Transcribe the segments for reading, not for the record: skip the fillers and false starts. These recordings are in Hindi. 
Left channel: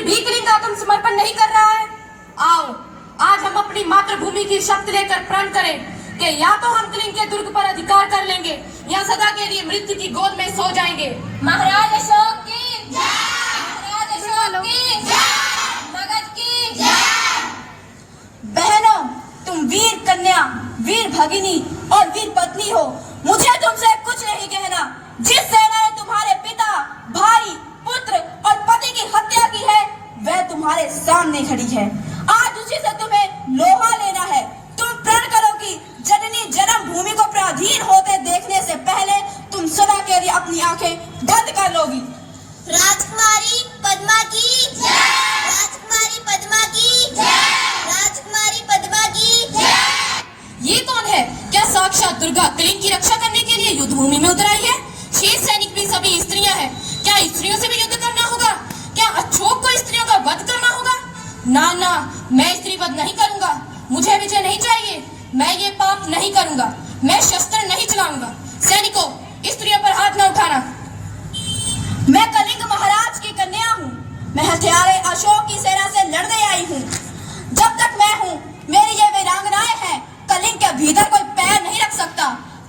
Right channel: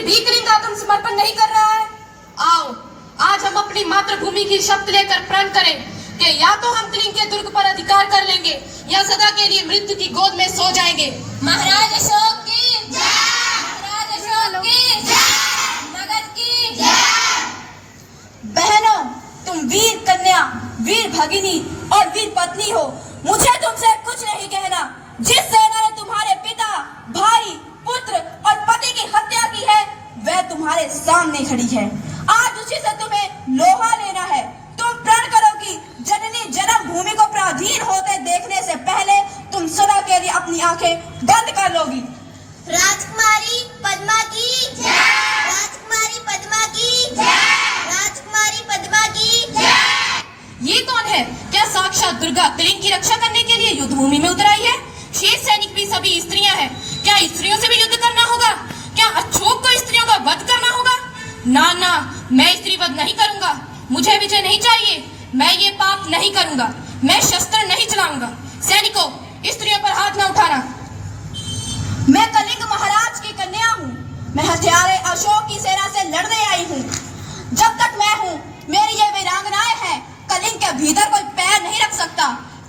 फिर भी कलिंग आत्मसमर्पण नहीं कर रहा है। आओ आज हम अपनी मातृभूमि की शपथ लेकर प्रण करें कि या तो हम कलिंग के दुर्ग पर अधिकार कर लेंगे या सदा के लिए मृत्यु की गोद में सो जाएंगे। महाराज अशोक की जय, महाराज अशोक की जय, नगद की जय। बहनों, तुम वीर कन्या, वीर भगिनी और वीर पत्नी हो। मुझे तुमसे कुछ नहीं कहना। जिस सेना ने तुम्हारे पिता, भाई, पुत्र और पति की हत्या की है वह तुम्हारे सामने खड़ी है। आज उसी से तुम्हें लोहा लेना है। तुम प्रण करो कि जननी जन्म भूमि को पराधीन होते देखने से पहले तुम सदा के लिए अपनी आंखें बंद कर लोगी। राजकुमारी पद्मा की जय, राजकुमारी पद्मा की जय, राजकुमारी पद्मा की जय। ये कौन है? क्या साक्षात दुर्गा कलिंग की रक्षा करने के लिए युद्ध भूमि में उतर आई है? शेष सैनिक भी सभी स्त्रियां हैं। क्या स्त्रियों से भी युद्ध करना होगा? क्या अशोक को स्त्रियों का वध करना होगा? ना ना, मैं स्त्री वध नहीं करूंगा। मुझे विजय नहीं चाहिए। मैं ये पाप नहीं करूंगा। मैं शस्त्र नहीं चलाऊंगा। सैनिकों, स्त्रियों पर हाथ न उठाना। मैं कलिंग महाराज की कन्या हूँ। मैं हथियारे अशोक की सेना से लड़ने आई हूँ। जब तक मैं हूँ मेरी ये वीरांगनाएं हैं। कलिंग के भीतर कोई पैर नहीं रख सकता।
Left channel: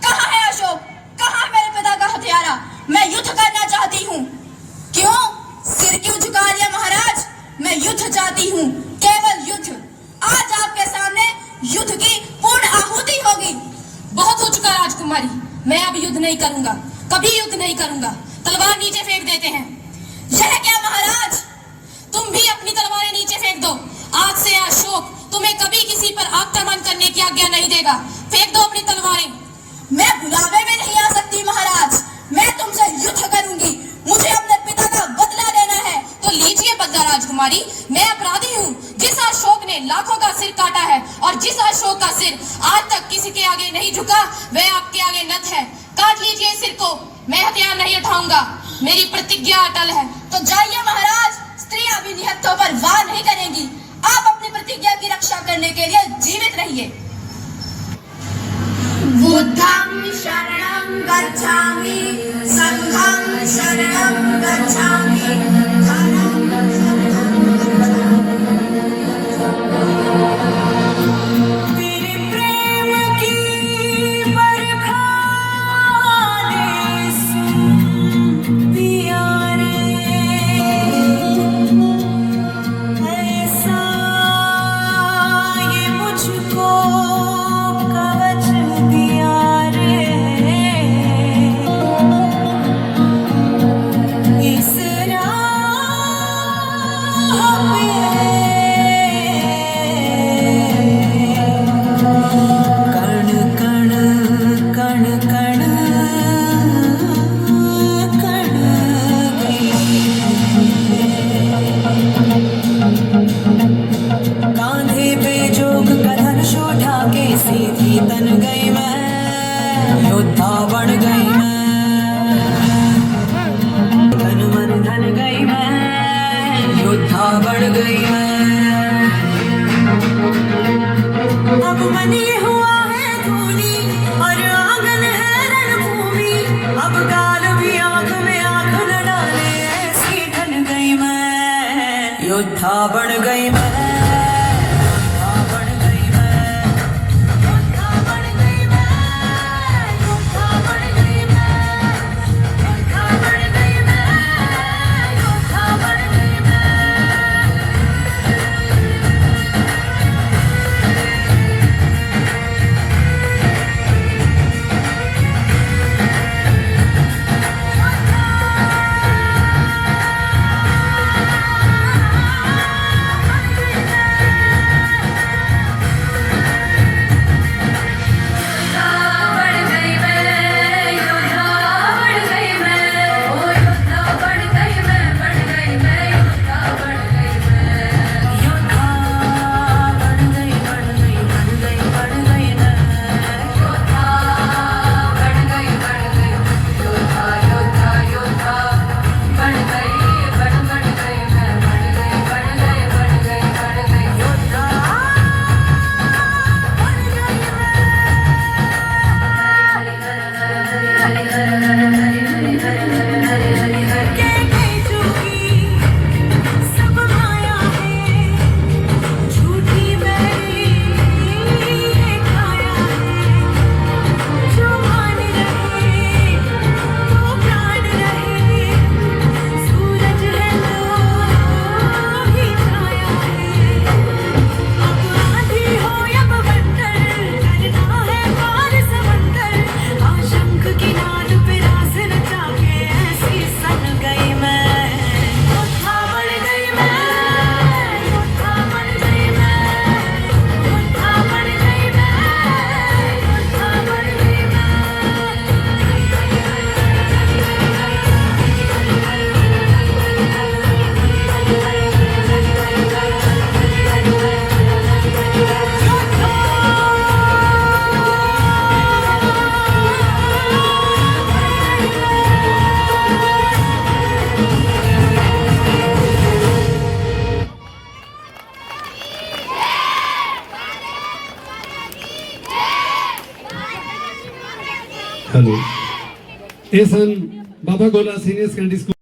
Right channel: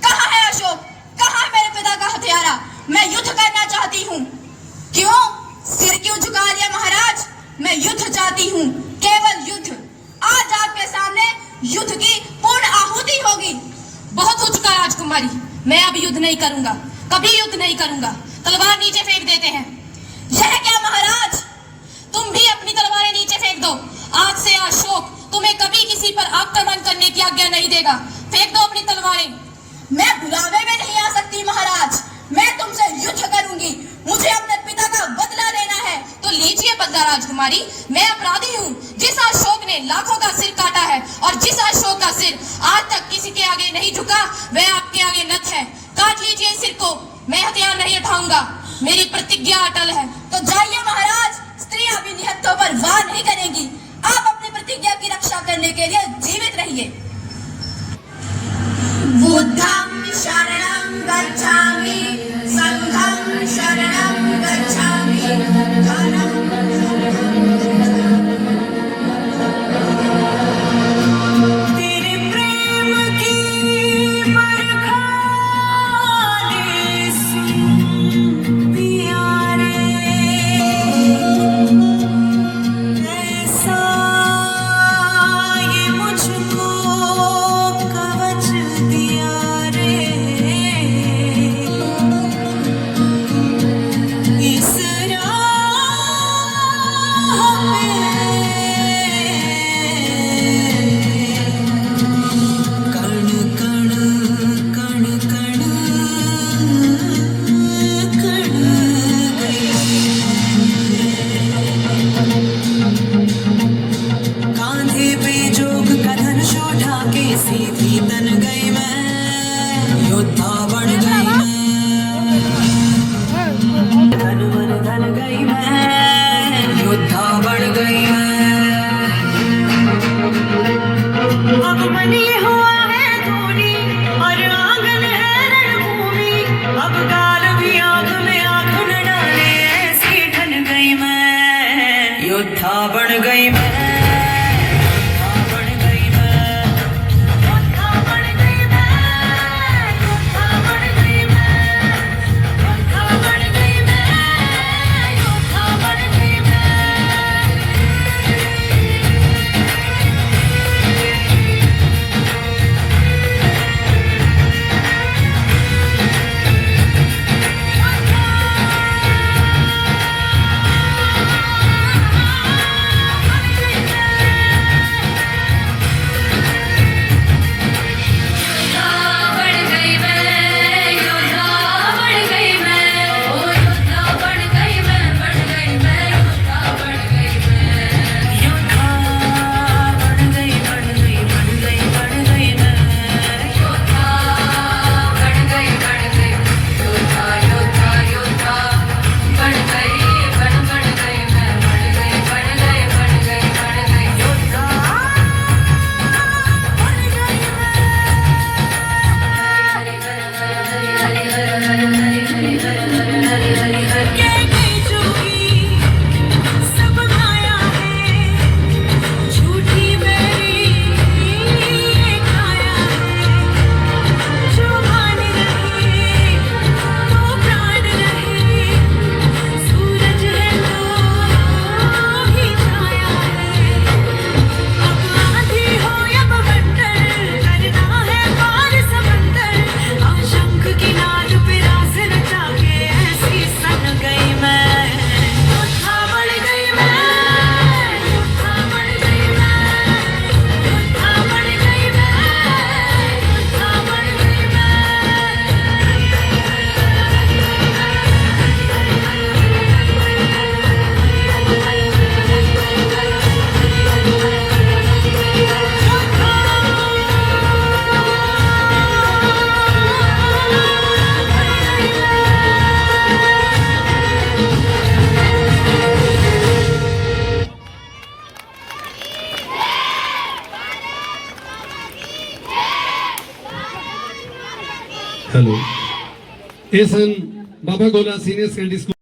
कहाँ है अशोक? कहाँ है मेरे पिता का हथियारा? मैं युद्ध करना चाहती हूँ। क्यों? सिर क्यों झुका लिया महाराज? मैं युद्ध चाहती हूँ, केवल युद्ध। आज आपके सामने युद्ध की पूर्ण आहुति होगी। बहुत हो चुका राजकुमारी। मैं अब युद्ध नहीं करूंगा, कभी युद्ध नहीं करूंगा। तलवार नीचे फेंक देते हैं। यह क्या महाराज? तुम भी अपनी तलवारें नीचे फेंक दो। आज से अशोक तुम्हें कभी किसी पर आक्रमण करने की आज्ञा नहीं देगा। फेंक दो अपनी तलवारें। मैं बुलावे में नहीं आ सकती महाराज। मैं तुमसे युद्ध करूंगी। मुझे अपने पिता का बदला लेना है। तो लीजिए बदला राजकुमारी। मैं अपराधी हूँ। जिस अशोक ने लाखों का सिर काटा है और जिस अशोक का सिर आज तक किसी के आगे नहीं झुका वह आपके आगे नत है। काट लीजिए सिर को। मैं हथियार नहीं उठाऊंगा। मेरी प्रतिज्ञा अटल है। तो जाइए महाराज। स्त्रियां भी निहत्थों पर वार नहीं करेंगी। आप अपनी प्रतिज्ञा की रक्षा करने के लिए जीवित रहिए। बुद्धं शरणं गच्छामि, संघं शरणं गच्छामि, तेरे प्रेम की बरखा दे सुन प्यारे, ऐसा ये मुझको कवच दिया रे। इस सीधी तन गई मैं, योद्धा बन गई मैं, धन मन धन गई मैं, योद्धा बन गई मैं। अब बनी हुआ है धूनी और आंगन है रणभूमि। अब गाल भी आंख में आंख न डाले, ऐसी ढल गई मैं, योद्धा बन गई मैं। योद्धा बन गई मैं, योद्धा बन गई मैं, योद्धा बन गई मैं। हेलो ਇਹ ਸਨ ਬਾਬਾ ਗੋਲਾ ਸੀਨੀਅਰ ਸੈਕੰਡਰੀ ਸਕੂਲ